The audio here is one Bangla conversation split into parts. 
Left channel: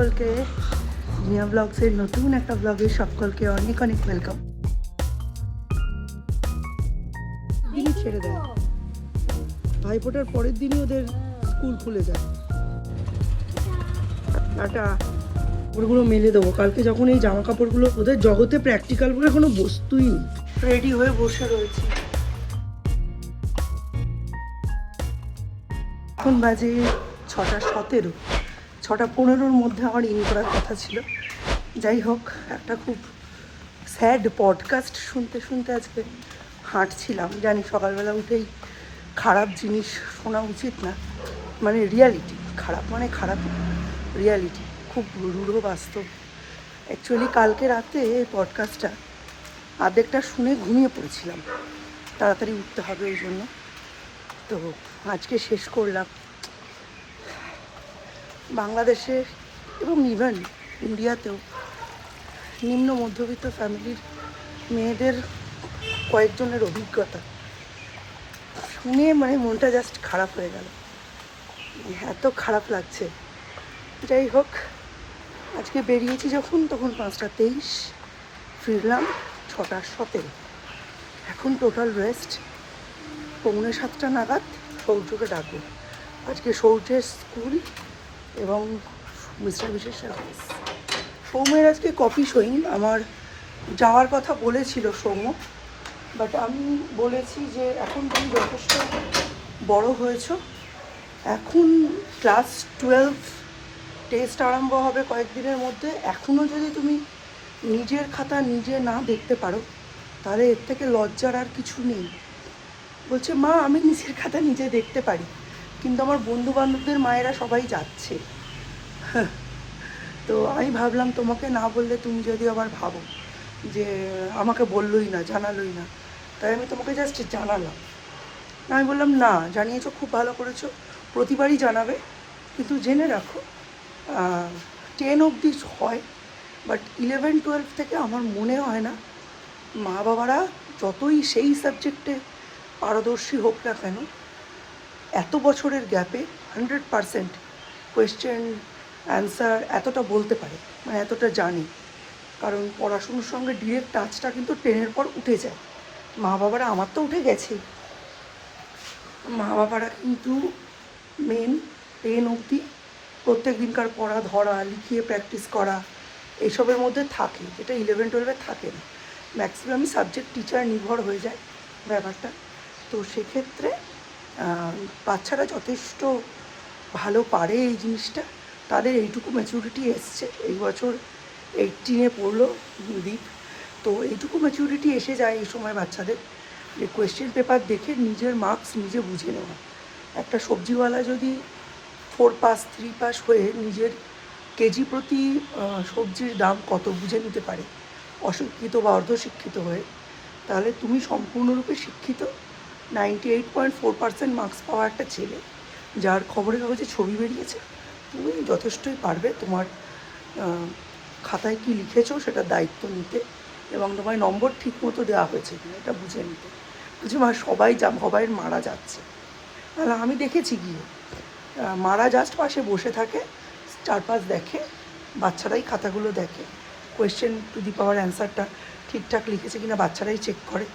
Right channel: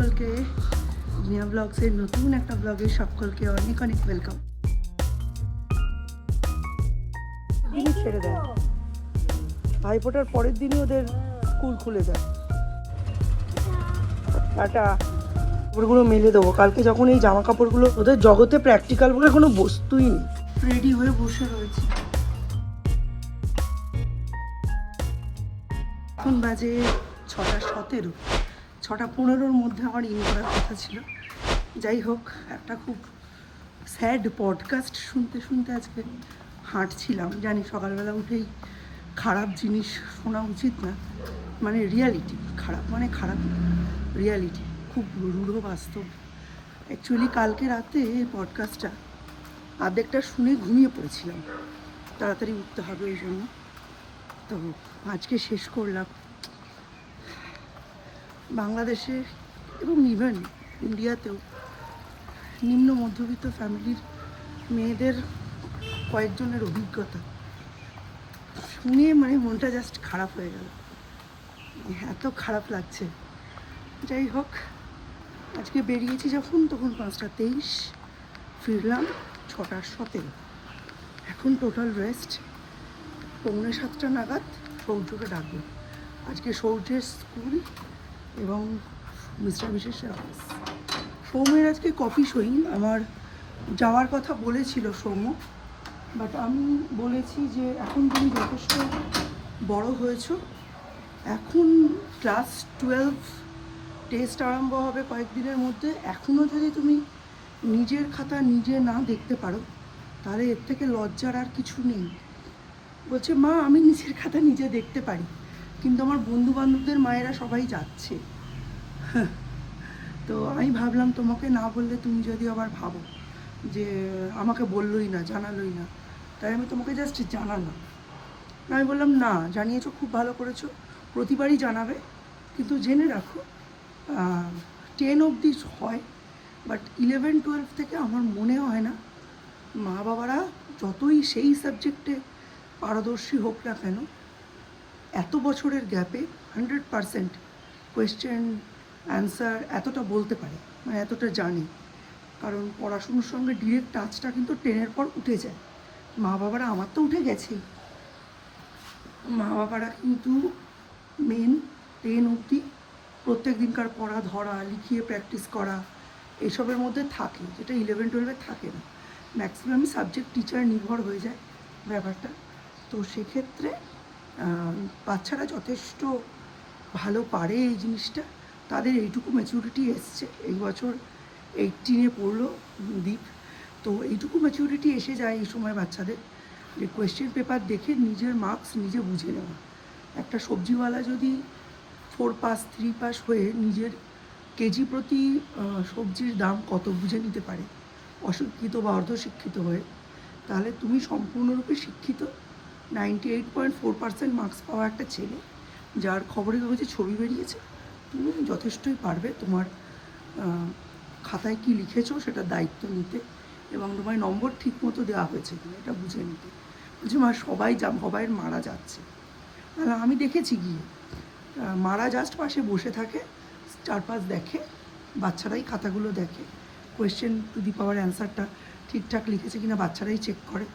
সকলকে জিয়া ব্লগসের নতুন একটা ব্লগে সকলকে অনেক অনেক ওয়েলকাম দিনই ছেড়ে দেয় ভাইফোঁটার পরের দিনই ওদের স্কুল খুলে যায়। টাটা। কাপড়গুলো মেলে দেবো। কালকে যখন এই জামা কাপড়গুলো ওদের জগতে প্র্যাকটিক্যাল বলে কোনো বস্তুই নেই। রেডি হয়ে বসে রয়েছি। এখন বাজে ছটা সতেরো। ছটা পনেরোর মধ্যে আমার ইন করার কথা ছিল। যাই হোক, একটা খুব স্যাড পডকাস্ট শুনতে শুনতে আজকে হাঁটছিলাম। জানি সকালবেলা উঠেই খারাপ জিনিস শোনা উচিত না। মানে রিয়ালিটি, খারাপ মানে খারাপ রিয়ালিটি, খুব রূঢ় বাস্তব। অ্যাকচুয়ালি কালকে রাতে এই পডকাস্টটা আর্ধেকটা শুনে ঘুমিয়ে পড়েছিলাম। তাড়াতাড়ি উঠতে হবে ওই জন্য। তো আজকে শেষ করলাম। বাংলাদেশে এবং ইভেন ইন্ডিয়াতেও নিম্ন মধ্যবিত্ত ফ্যামিলির মেয়েদের কয়েকজনের অভিজ্ঞতা শুনে মানে মনটা জাস্ট খারাপ হয়ে গেল। এত খারাপ লাগছে। যাই হোক, আজকে বেরিয়েছি যখন, তখন পাঁচটা তেইশ, ফিরলাম ছটা সতেরো। এখন টোটাল রেস্ট পৌনে সাতটা নাগাদ সৌর্যকে ডাকবো। আজকে সৌর্যের স্কুল এবং মিস্টার বিশেষের অফিস সৌম্যের আজকে কপি সইং আমার যাওয়ার কথা বলেছিল সৌম্য বাট আমি বলেছি যে এখন তুমি যথেষ্ট বড় হয়েছো। এখন ক্লাস টুয়েলভ টেস্ট আরম্ভ হবে কয়েকদিনের মধ্যে। এখনও যদি তুমি নিজের খাতা নিজে না দেখতে পারো, তাহলে এর থেকে লজ্জার আর কিছু নেই। বলছে, মা, আমি নিজের খাতা নিজে দেখতে পারি। কিন্তু আমার বন্ধু বান্ধবদের মায়েরা সবাই যাচ্ছে। তো আমি ভাবলাম তোমাকে না বললে তুমি যদি আবার ভাবো যে আমাকে বললোই না, জানালোই না, তাই আমি তোমাকে জাস্ট জানালাম। আমি বললাম, না, জানিয়েছো, খুব ভালো করেছ, প্রতিবারই জানাবে, কিন্তু জেনে রাখো টেন অবধি হয় বাট ইলেভেন টুয়েলভ থেকে আমার মনে হয় না মা বাবারা যতই সেই সাবজেক্টে পারদর্শী হোক না কেন এত বছরের গ্যাপে হান্ড্রেড পারসেন্ট কোয়েশ্চেন অ্যান্সার এতটা বলতে পারে মানে এতটা জানে। কারণ পড়াশুনোর সঙ্গে ডিরেক্ট টাচটা কিন্তু টেনের পর উঠে যায়। মা বাবারা আমার তো উঠে গেছেই মা বাবারা কিন্তু মেন টেন অবধি প্রত্যেক দিনকার পড়া, ধরা, লিখিয়ে প্র্যাকটিস করা এইসবের মধ্যে থাকে। যেটা ইলেভেন টুয়েলভে থাকে না। ম্যাক্সিমামই সাবজেক্ট টিচার নির্ভর হয়ে যায় ব্যাপারটা। তো সেক্ষেত্রে বাচ্চারা যথেষ্ট ভালো পারে এই জিনিসটা। তাদের এইটুকু ম্যাচুরিটি এসছে। এই বছর এইটিনে পড়ল দীপ। তো এইটুকু ম্যাচুরিটি এসে যায় এই সময় বাচ্চাদের। যে কোয়েশ্চেন পেপার দেখে নিজের মার্কস নিজে বুঝে নেওয়া। একটা সবজিওয়ালা যদি ফোর পাস থ্রি পাস হয়ে নিজের কেজি প্রতি সবজির দাম কত বুঝে নিতে পারে? অশিক্ষিত বা অর্ধশিক্ষিত হয়ে। তাহলে তুমি সম্পূর্ণরূপে শিক্ষিত। Ninety eight point four percent marks পাওয়া একটা ছেলে, যার খবরের কাগজে ছবি বেরিয়েছে। তুমি যথেষ্টই পারবে তোমার খাতায় কি লিখেছো সেটা দায়িত্ব নিতে এবং তোমার নম্বর ঠিক মতো দেওয়া হয়েছে কিনা এটা বুঝে নিতে। বলছি, মা, সবাই যা, সবাই মারা যাচ্ছে। তাহলে আমি দেখেছি গিয়ে মারা জাস্ট পাশে বসে থাকে, চারপাশ দেখে, বাচ্চারাই খাতাগুলো দেখে কোয়েশ্চেন টু দি পাওয়ার অ্যান্সারটা ঠিকঠাক লিখেছে কিনা বাচ্চারাই চেক করে।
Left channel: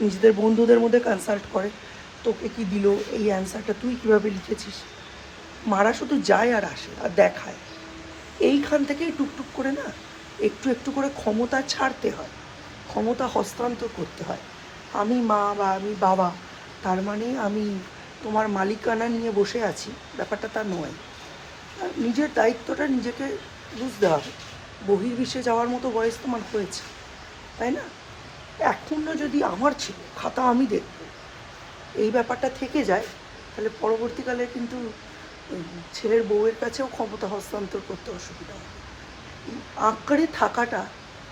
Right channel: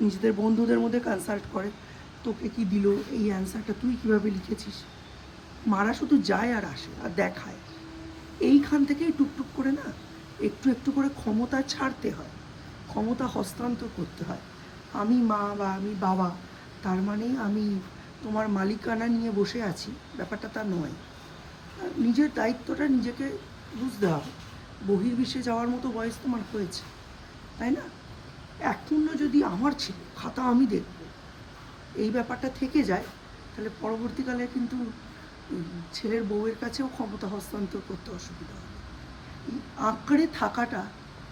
নিজেদের বন্ধুদের মধ্যে কনসাল্ট করে, তোকে কি দিল, এই অ্যান্সারটা তুই কীভাবে লিখেছিস? মারা শুধু যায় আর আসে, আর দেখায়। এইখান থেকেই টুকটুক করে না, একটু একটু করে ক্ষমতা ছাড়তে হয়, ক্ষমতা হস্তান্তর করতে হয়। আমি মা বা আমি বাবা, তার মানে আমি তোমার মালিকানা নিয়ে বসে আছি, ব্যাপারটা তা নয়। নিজের দায়িত্বটা নিজেকে বুঝতে হবে। বহির্বিশ্বে যাওয়ার মতো বয়স তোমার হয়েছে, তাই না? এখনও যদি আমার ছিল, খাতা আমি দেখব। এই ব্যাপারটা থেকে যায়, তাহলে পরবর্তীকালে কিন্তু ছেলের বউয়ের কাছেও ক্ষমতা হস্তান্তর করতে অসুবিধা হয় আঁকড়ে থাকাটা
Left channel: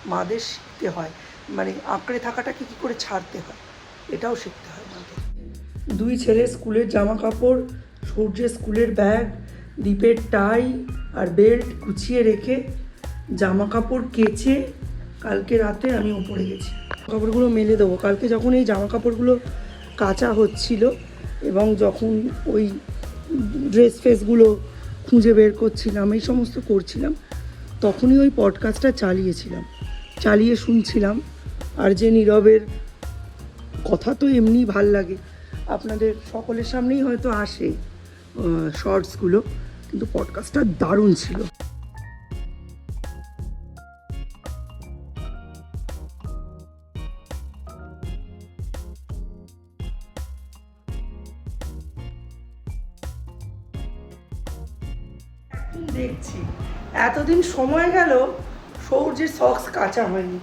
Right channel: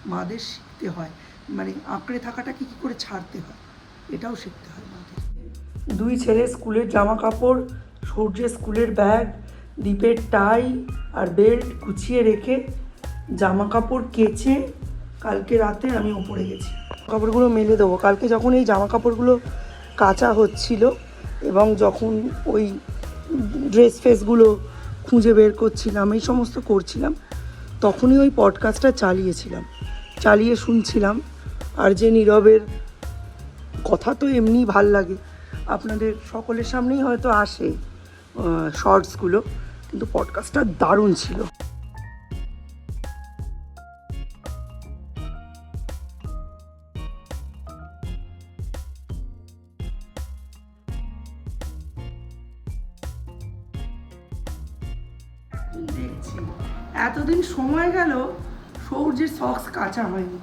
মাদের শিখতে হয়। মানে আঁকড়ে থাকাটাকে কী করে ছাড়তে হয়? এটাও শিখতে হয় মাদের। দুই ছেলে স্কুলের জামা কাপড় সূর্যের স্কুলের ব্যাগ দ্বীপের টাই আর বেল্ট গুছিয়ে রেখে জামা কাপড় কেচে কালকে রাতে আমি ওপরে গেছি। কাপড়গুলো মেলে দেবো। কালকে যখন এই জামা কাপড়গুলো কাচা হচ্ছিল এবং যখন ওই ড্রেস ফেসগুলো খুঁজে বের করছিলাম, এই সমস্ত করছিলাম, তখনই ওই পডকাস্টটা চালিয়েছিলাম। চালিয়ে শুনছিলাম। আর যে নীরবের কথা তো এমনি ভালো লাগে। আপনাদের সকলের সামনেই হয়তো আসে শর্টসগুলো কিন্তু পডকাস্টটা দারুণ ছিল। দেখছি। এতদিন সময় গেল, সৌর্যের সক্স কাঁচা হয়নি।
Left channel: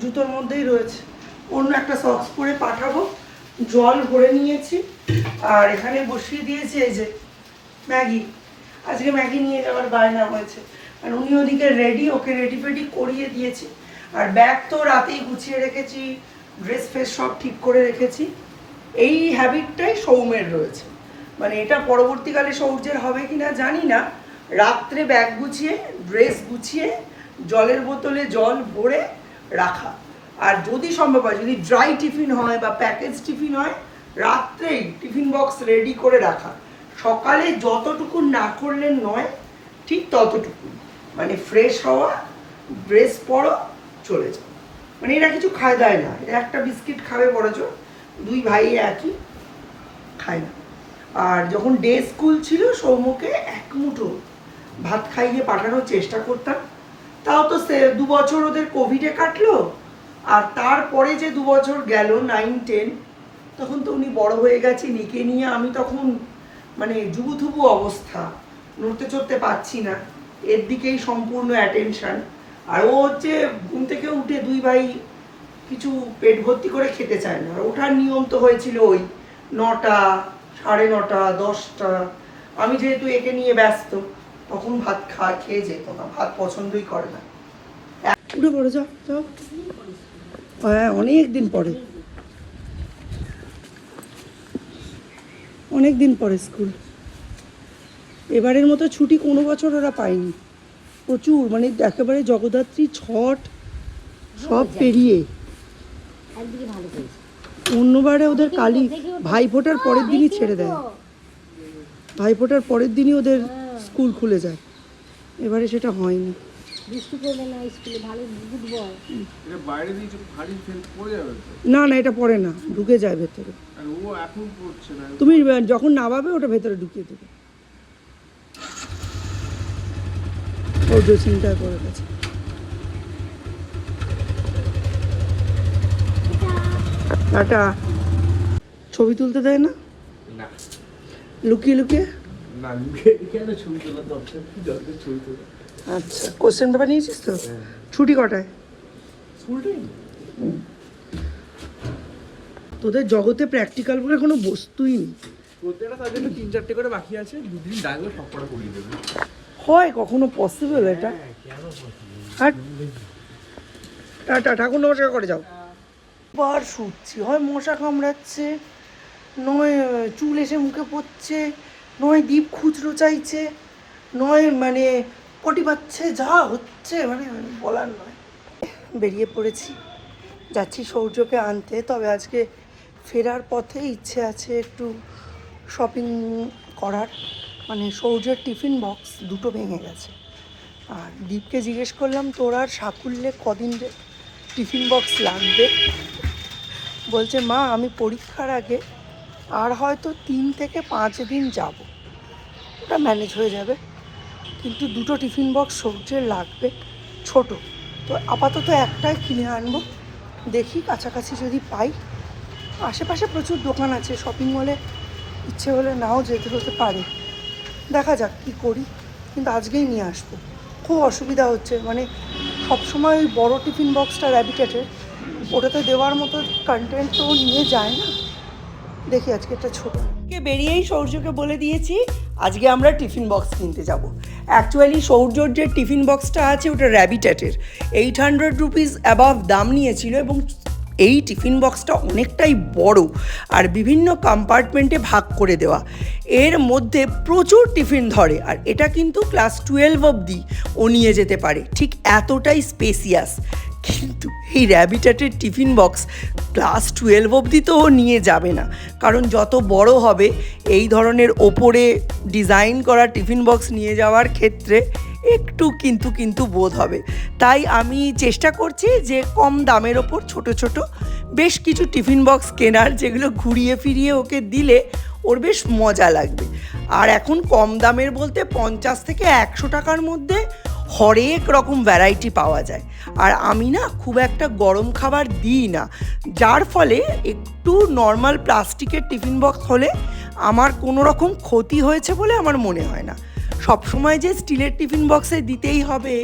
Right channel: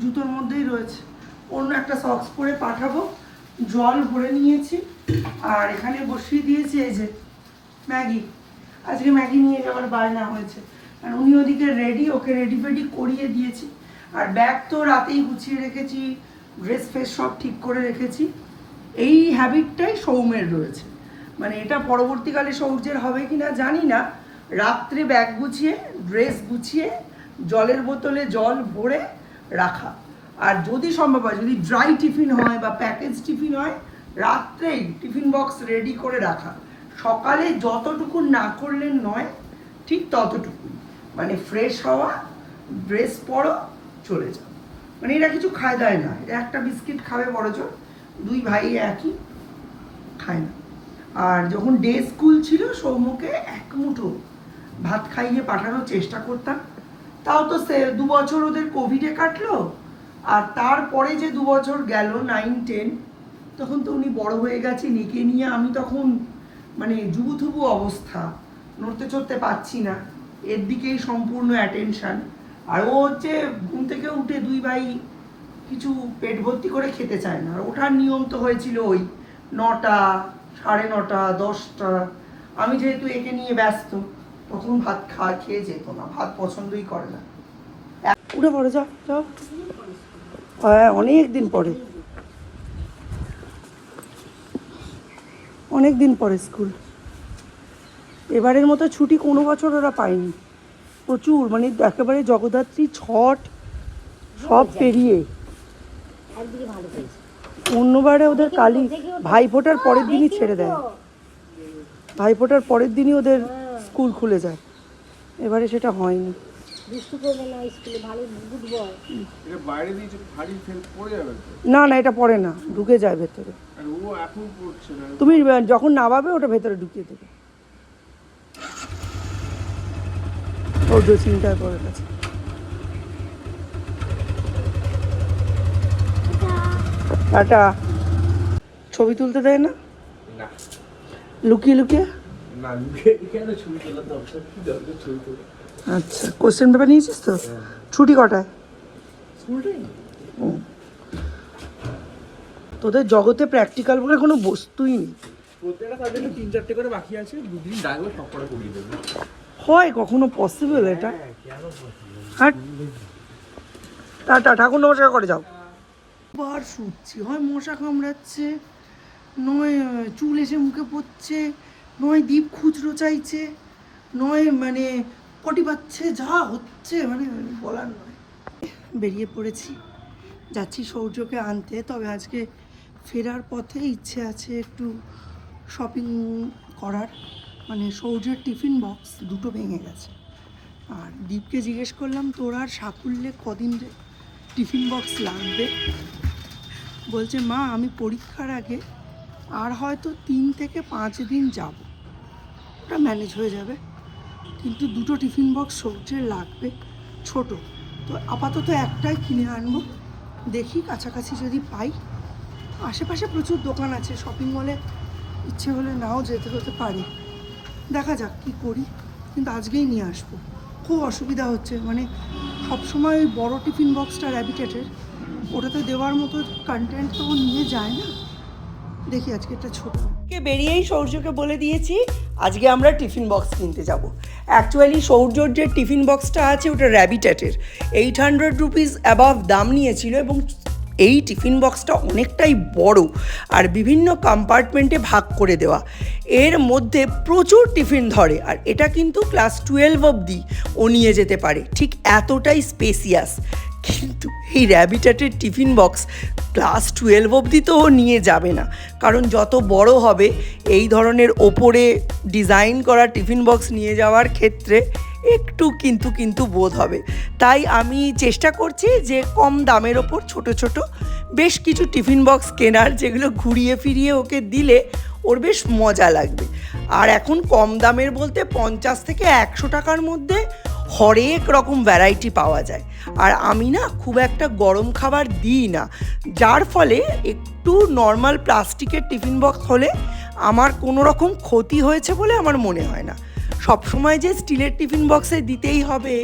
জুতোর মধ্যেই রয়েছে। অন্য একটা সক্স পরে পাঠাবো। জল ভরে নিয়েছি। আর এখানে বসিয়ে দিয়েছি এই যে ম্যাগি। আজকে ম্যাগি নিয়ে যাওয়ার বায়না হয়েছে। আর উনি ওদিকে রেডি ওকে রেডি ফেডি করিয়ে দিয়েছি। আর ব্যাগ তো রাতেই গুছিয়ে রেখেছি। ড্রেস ফ্রেস সব ঠিক করে রেখেছি। এই হ্যাবিটটাই সৌমের রয়েছে। মানে এটা পরবর্তীকালে সৌর্যের হবে কি না জানি না। রাত্রে ব্যাগ গুছিয়ে ড্রেস গুছিয়ে, জলের বোতলে জল ভরে রাখা। আর যদি সম্ভব হয়, যদি ড্রাই টিফিন হয় বা প্যাকেজ টিফিন হয়, রাত্রেই টিফিন বক্স রেডি করে রাখা। সকালে যতটুকু না করলেন নয়, ঠিক ততটুকু। মানে ফ্রেশ হওয়া ড্রেস পরো, চলে যাও। মানে এরা কিছু খায় দায় না। এরা একটা বিস্কিট খাবে বড়জোর দুই ভাই একই খায় না। আর যখন ডে স্কুল ছিল, সৌম্যকে এক মুঠো ভাত খাইয়ে পাঠানোর চেষ্টা করতাম। তাও তো সে দু বছর ওদের কোভিডে কাটলো, আর তারপরে যে দু বছর গেল নাইন টেন তখন তো উনি বড় হয়ে গেছে নিকে নিয়ে আমি তখন মানে জুবুথুবু অবস্থা, নড়তে চড়তে পাচ্ছি না। এর দিকেই সম্পূর্ণ অ্যাটেনশন আর ও হচ্ছে ঘুম থেকে উঠে দুই ভাই কিছু পেট ভর্তি করে খেতে চায় না। আর ওঠার নিয়ম তো হয়েছিল ওই নটা, সাড়ে নটা, দশটা। আমি যেহেতু একে নিয়ে ব্যস্ত তখন ভাত খা খেয়ে যেত না, ভাত পছন্দই করে না। উঠে পড়ে, যাও হ্যাঁ অনেক দিন পরে। অনেক দিন পরে স্কুল। এবারের মতো ছুটি কোনো বছর ওরা পায়নি। প্রচুর মানে একেবারে জগদ্ধাত্রী ছট, সব পেরিয়ে। অন্যবারে ওদের কালী ভাইফোঁটার পরের দিনই ছেড়ে দেয়। ভাইফোঁটার পরের দিনই ওদের স্কুল খুলে যায়। এবারে সেটা হয়নি। না স্কুলে ভালো বুঝব এটা বাইরে দিয়ে যে ভারী ফেল পড়ে যাবে তো? না না এটা পড়ে না ঢুকে যায় ভেতরে। এখন তুমি যখন নামাবে ওটা ভেতরে ঢুকিয়ে দেবে। সৌর্য চিন্তা করে গেছে। টাটা। ছবি তুলতে দেয় না? না। লুকিয়ে লুকিয়ে? আচ্ছা কোশ্চেন পেপার নিয়েছিস তো? ছুটি কটায়? তোদের জগতে প্র্যাকটিক্যাল বলে কোনো বস্তুই নেই। প্রত্যেকটা তিন চারটে করে বাকি আছে দুদিন ডাকবে সব কটা করিয়ে দেবে। হয় কখনো পসিবল এটা। হ্যাঁ টাটা ঠাকুর নমস্কার করে যাও। বার শুচ্ছি হয় মশা কামড়াচ্ছে নয় চুল এসে মুখে পড়ছে নয় দ্বীপ খুচরো চাইছে, নয় মানে পটি পাচ্ছে, যা হচ্ছে মানে বলার নয়। বেরিয়ে পড়েছি। যাচ্ছি সৌর্যকে আনতে, তবে আজকে ফেরার পথে ইচ্ছে আছে একটু শপিং করার। মানে সৌর্যের টিফিন বক্স দুটো ভেঙে গেছে। আর দীপকে জিজ্ঞেস করলাম, তোর আর সাকুল্যে কদিন টিফিন বক্স লাগবে? বলছে, মা, আমি পরীক্ষার আগে, আর হয়তো তিন থেকে পাঁচ দিন যাব। ওটা ম্যানেজ হয়ে যাবে। কিন্তু দুটো টিফিন বক্স সবজির লাগবে ছোট। তো আপাতত একটাই কিনে আনব। দেখি কাছাকাছি যদি পাই। আশেপাশে প্রচুর দোকান আছে। শপিং মলে ইচ্ছে হলে নাও যেতে হতে পারে। দেখা যাক কী করি। কিন্তু আজকেই নিয়ে আসব। খুব অসুবিধা হচ্ছে। মানে সবসময় ওই বড়ো টিফিন বক্সটা র্যাবিটেটের ওটাতে দেওয়ার মতো কন্টেন্ট তো নিয়ে যায় না। দেখি আজকে একটা ছোট বেরিয়েই সৌর্যকে বলে দিয়েছি। আজকে আমরা টিফিন বক্স কিনতে যাব। অ্যাকচুয়ালি সৌর্যর যে টিফিন বক্সটা আছে, ওটা র্যাবিটেটের এইট হান্ড্রেড রুপিস অ্যাবাভ দাম নিয়েছিল এবং এই টিফিন বক্সটা অনেকটাই বড় আর বিভিন্ন কম্পার্টমেন্টে ভাগ করে দেওয়া। এর মধ্যে প্রচুর টিফিন ধরে আর এটা কিন্তু ক্লাস টুয়েলভ অবধি ও নিয়ে যেতে পারে। ঠিক এতটাই স্পেসিয়াস কিন্তু এই র্যাবিটাটের টিফিন বক্স ক্লাস টুয়েলভ অবধি তো নিয়ে যাবে না। কারণ যত বড় হবে, এই ধরনের ওপরে ডিজাইন করা টিফিন বক্স নিয়ে যাওয়ার ক্ষেত্রে একটু কিন্তু কিন্তু বোধ হবে। তাই আমি চেষ্টা করছি যে কম দামের ওপর ছোট ছোট বেশ কিছু টিফিন বক্স কেনার যেগুলো ঘুরিয়ে ফিরিয়ে ওকে দিলে ওর বেশ মজা লাগবে। আর এখন কম দামের বলতে পঞ্চাশ থেকে একশো টাকার মধ্যে হরেক রকম ভ্যারাইটি পাওয়া যায়। আর আমি না খুব একটা গরম খাবার দিই না। যার ফলে একটু নর্মাল প্লাস্টিকের টিফিন বক্স হলে আমার কোনো রকম ক্ষতি হয়েছে বলে আমার মনে হয় না। সবসময় যে স্টিলের টিফিন বক্সে দিতেই হবে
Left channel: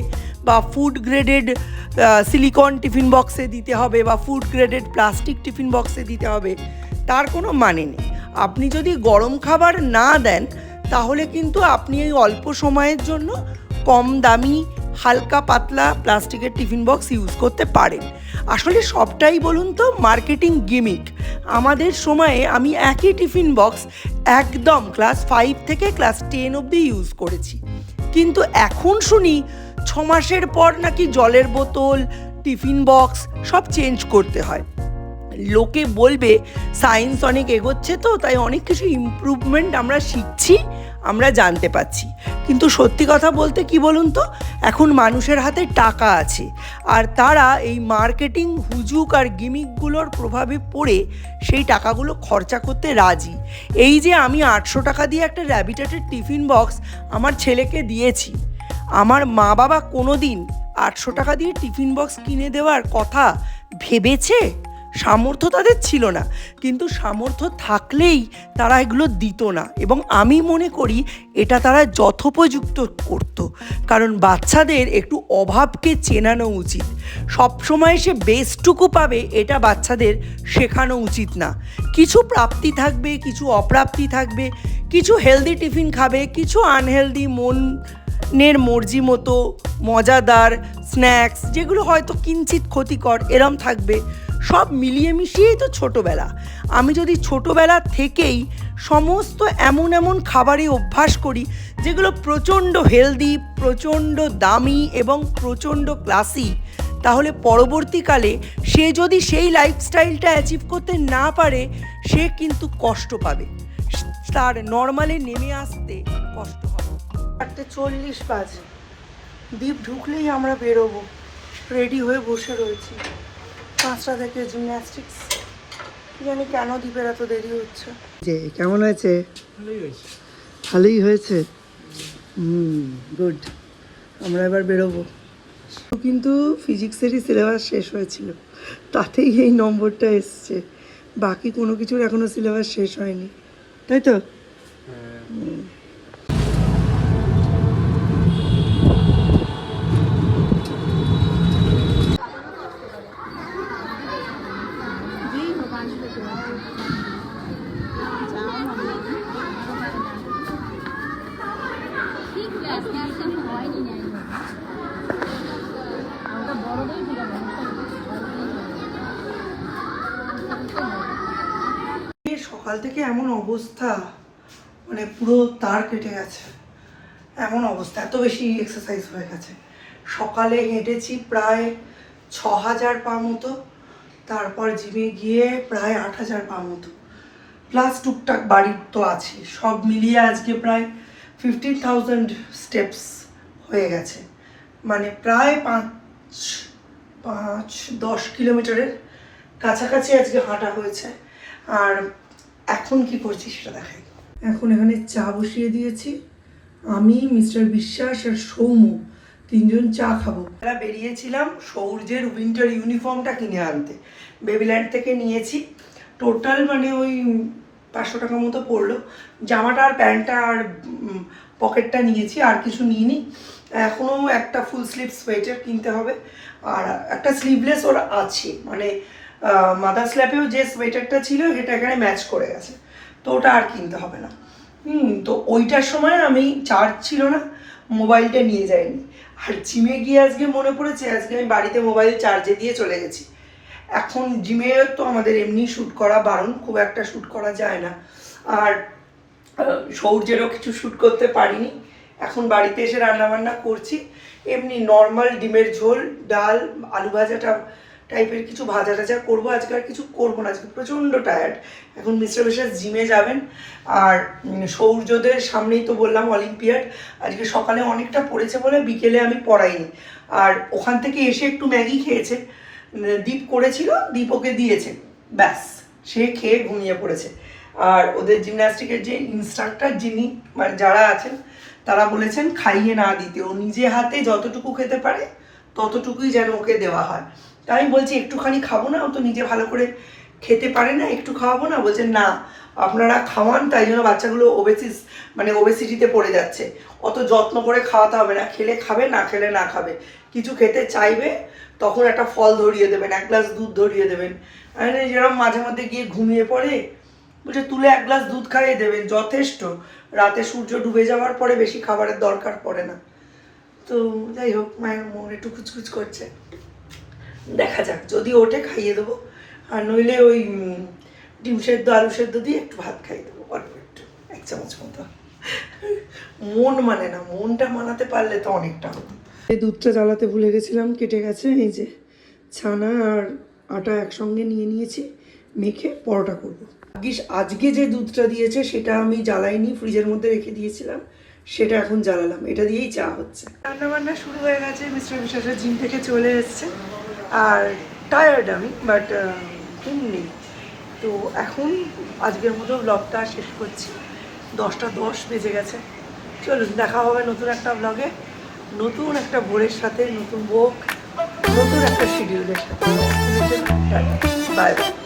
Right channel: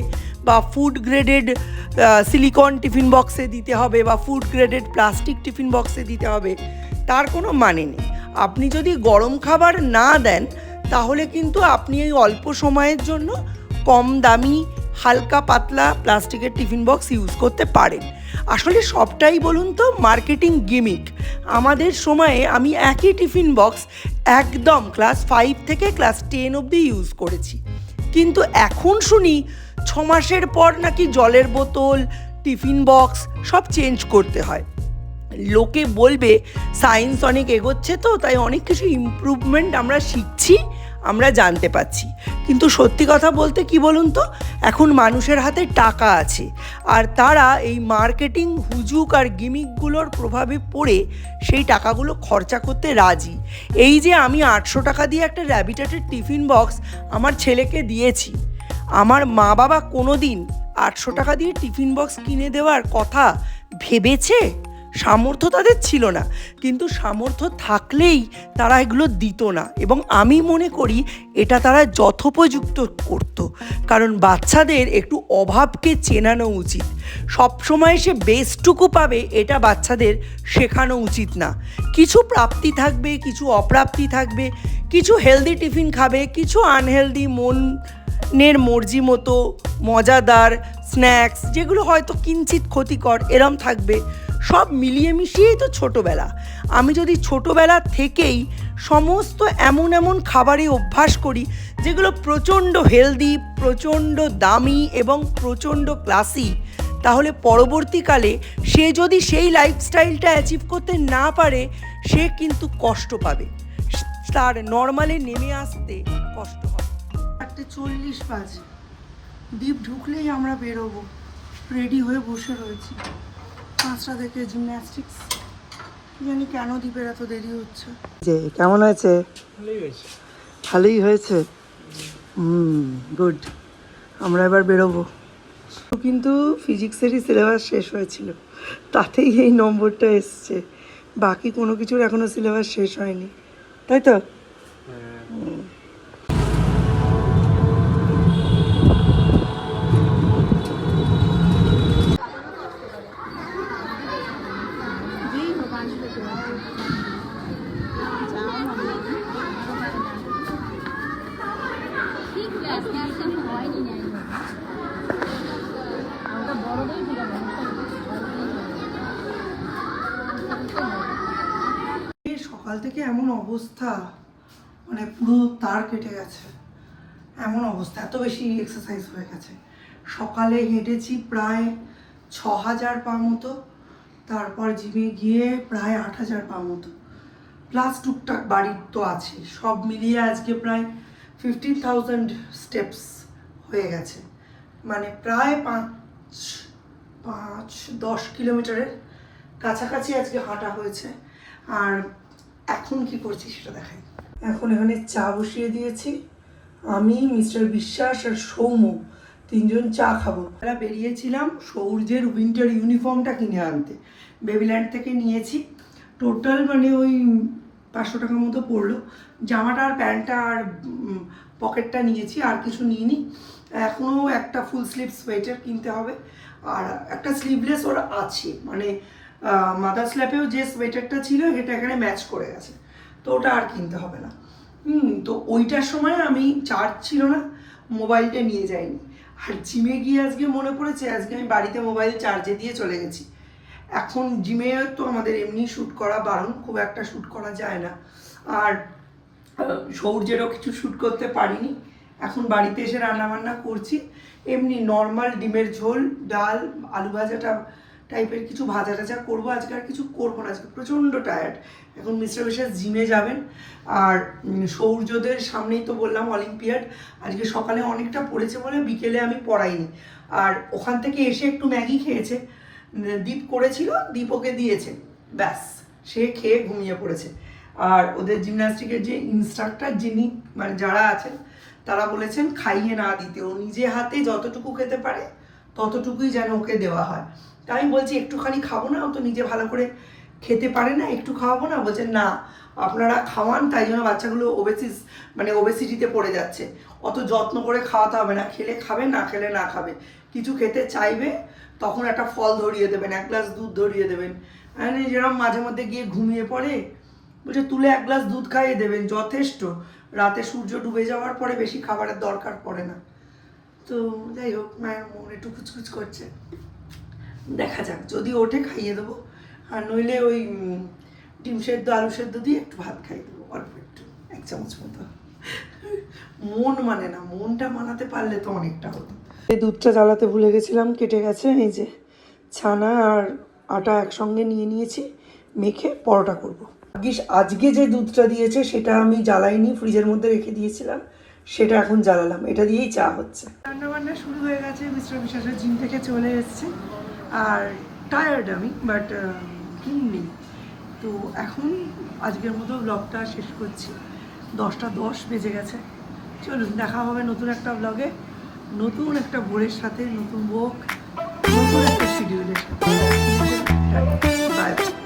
বা ফুড গ্রেডেড সিলিকন টিফিন বক্সে দিতে হবে বা ফুড গ্রেডেড প্লাস্টিক টিফিন বক্সে দিতে হবে, তার কোনো মানে নেই। আপনি যদি গরম খাবার না দেন, তাহলে কিন্তু আপনি এই অল্প সময়ের জন্য কম দামি, হালকা পাতলা প্লাস্টিকের টিফিন বক্স ইউজ করতে পারেন। আসলে সবটাই বলুন তো মার্কেটিং গিমিক। আমাদের সময়ে আমি একই টিফিন বক্স একদম ক্লাস ফাইভ থেকে ক্লাস টেন অবধি ইউজ করেছি। কিন্তু এখন শুনি ছ মাসের পর নাকি জলের বোতল, টিফিন বক্স সব চেঞ্জ করতে হয়। লোকে বলবে, সায়েন্স অনেক এগোচ্ছে তো, তাই অনেক কিছু ইমপ্রুভমেন্ট আমরা শিখছি। আমরা জানতে পাচ্ছি কিন্তু সত্যি কথা বলতে কি বলুন তো? এখন মানুষের হাতে টাকা আছে। আর তারা এই মার্কেটিং হুজুক আর গিমিকগুলোর প্রভাবে পড়ে সেই টাকাগুলো খরচা করতে রাজি। এই যে আমি আটশো টাকা দিয়ে একটা র্যাবিটেটের টিফিন বক্স আমার ছেলেকে দিয়েছি, আমার মা বাবা কোনো দিন আটশো টাকা দিয়ে টিফিন বক্স কিনে দেওয়ার কথা ভেবেছে? সামর্থ্য তাদের ছিল না। কিন্তু সামর্থ্য থাকলেই তারা এগুলো দিত না এবং আমি মনে করি এটা তারা যথোপযুক্ত করত। কারণ বাচ্চাদের একটু অভাবকে চেনানো উচিত। সবসময় সে বেস্টটুকু পাবে এটা বাচ্চাদের শেখানো উচিত না। কিছু প্রাপ্তি থাকবে, কিছু অপ্রাপ্তি থাকবে, কিছু হেলদি টিফিন খাবে, কিছু আনহেলদি মন নের মর্জি মতো, মজাদার স্ন্যাক্স যেগুলো হয়তো কিঞ্চিত ক্ষতিকর, এরম থাকবে। সব মিলিয়ে মিশিয়েই তো ছোটোবেলা। আমি যদি ছোটোবেলা থেকেই সমস্ত এমন এমন খাবারে অভ্যাস করি, যেগুলো প্রচণ্ড হেলদি প্রচণ্ড দামি এবং প্রচণ্ড ক্লাসি তাহলে পরবর্তীকালে সে যদি সেই লাইফস্টাইলটা অ্যাচিভ করতে না পারে, সে কিন্তু কষ্ট পাবে। তার নর্মালে নেমে আসতে কষ্ট হবে। চারটে চল্লিশ বাজে। দ্বীপ ঢুকলেই আমরা বেরোবো। রেডি হয়ে বসে রয়েছি। পাঁচটা থেকে জিমন্যাস্টিক্স কি জানি কেন দ্বীপের এত দেরি হচ্ছে। যে কেমন হয়েছে? ভালোই হয়েছে। ভালোই হয়েছে? হুম গুড আমরা এবার বেরোবো। কিন্তু ফিজিক্সেরই সিলেবাস শেষ হয়েছিল। তাতেই এই নম্বরটা এসছে। বাকি কোনো কিছুর এখনও সিলেবাস শেষ হয়নি। তাই তো? সকাল থেকে এমন অবস্থা মানে পুরো তার কেটে গেছে। এমন অবস্থা, এত বেশি এক্সারসাইজ হয়ে গেছে। সকালে হেঁটেছি প্রায় ছ হাজার পা মতো, তারপর জিমে গিয়ে প্রায় আট হাজার পা মতো। প্লাস টুকটাক বাড়ির তো আছে, সব মিলিয়ে আজকে প্রায় ফিফটিন থাউজেন্ড স্টেপস হয়ে গেছে। মানে প্রায় পাঁচ পাঁচ, দশ কিলোমিটারের কাছাকাছি আজকে হাঁটা হয়েছে। আর এখন কি করছি সেটা দেখাই। এখন এখানে চা বসিয়ে দিয়েছি। আমি মিস্টার বিশ্বাস আর সৌম্য তিনজন চা খাব। আমরা বেরিয়েছিলাম সৌর্যের উইন্টার ইউনিফর্মটা কিনে আনতে। বেবিল্যান্ড থেকে নিয়েছি। টোটাল মানে ওই পাঁচশো টাকা মতো পড়ল। জামাটা আর প্যান্টটা আর পকেটটা নিয়েছি আর কিছু নিইনি। এখনও একটা ফুল স্লিভ সোয়েটার কিনতে হবে। আর একটা স্লিভলেস ওর আছে। মানে মাদার স্ল্যাপেও যে সোয়েটারটা ছিল, সেটা এখানে ম্যাচ করে গেছে। তো ওটা আর কিনতে হবে না। হুম, তো ওইটার সময় আমি চার্জ ছিল না মোবাইলটা নিয়ে যাইনি। আর জিমে গিয়ে আজকে মনে পড়েছে, আজকে আমি বাড়িতে মোবাইল চার্জে দিয়ে চলে গেছি। এখন জিমে তো আমাদের এমনি শ্যুট করা বারণ, খুব একটা শ্যুট করা যায় না। আর সৌর্যেরও কিছু শ্যুট করতে পারিনি। এখন বাড়িতে এসে রান্নাবান্না করছি। এমনি নর্মাল ডিমের ঝোল, ডাল, আলু ভাজাটা টাইপের কিছু ভাজা টাজা করব। আজকে আর কিছু করব না, আজকে প্রচণ্ড টায়ার্ড এখন মিস্টার বিশেষ জিমে যাবেন। আর সৌর্যদের সামনেই তো বললাম অলিম্পিয়াড। আজকে সকালে অনেকটা পড়েছে বলে বিকেলে আমি পড়াইনি। আর ওখান থেকে এসে একটু ম্যাগি খেয়েছে। দীপ করেছিল, দীপ ওকে দিয়েছে। ব্যাস, সে খেয়ে ঘুমিয়ে পড়েছে। আর ওদের জিমন্যাস্টিকের যে ইনস্ট্রাক্টর যিনি মানে যারা আছেন, তারা বলেছেন, খাইয়ে না দিতে। ও নিজে হাতে যতটুকু খেতে পারে ততটুকুই যেন ওকে দেওয়া হয়। তাই আমি বলছি, একটুখানি খাব না? ও তো নিজে ভালো করে খেতে পারে না, একটু খাওয়াবো না? বলছে, না, আপনারা খাওয়ান, তাই জন্য বাচ্চাগুলো ওবেসিস মানে ওবেসিটিতে পড়ে যাচ্ছে। অত যত্ন করে খাওয়াতে হবে না, খেলে খাবে, না খেলে না খাবে। কিছু খেতে চাইবে, তখন একটা ফল ধরিয়ে দেবেন, এক গ্লাস দুধ ধরিয়ে দেবেন। যেরকম মাঝে মধ্যে গিয়ে ঘুমিয়ে পড়ে, বলছে, তুলে এক গ্লাস দুধ খাইয়ে দেবেন, যথেষ্ট। রাতে সূর্য ডুবে যাওয়ার পরে বেশি খাবারের দরকার পড়ে না। তো যাই হোক, মায়ের মন একটু খুচখুচ করছে। দেখা যাক, যদি ওঠে খাইয়ে দেবো। আর নইলে ওই ডিম সেদ্ধ, আলু সেদ্ধ দিয়ে একটু ভাত খাইয়ে দেবো, অল্প একটু, এক চামচ মতো। মন মানে না, মনটা মানাতে পারলে তো অনেকটা হতো এই দুধটা জ্বালাতে ভুলে গেছিলাম, কেটে গেছে, এই যে ছানা আর আটা একসঙ্গে নিয়ে নিয়েছি, মেখে পরোটা করব। আজকে যে দুধটা দিয়েছে, সেটা আমি জ্বালাইনি, ফ্রিজের মধ্যে রেখে দিয়েছিলাম। সেটা এখন জ্বালালাম। এটা দিয়েই চা হচ্ছে। রান্না বান্না শুরু হয়ে গেছে মিস্টার বিশ্বাসের জিম থেকে চলে এসছে। আর টায়ার্ড আমি বাট ঘুম নেই। তো এখন আজকের মতো ব্লগটা শেষ করছি। দশটা দশ বেজে গেছে। চলুন, দেখা হবে নতুন একটা ব্লগে নতুন একটা ভোরের সাথে, নতুন বোক নতুন একটা শিডিউলের সাথে। Bye bye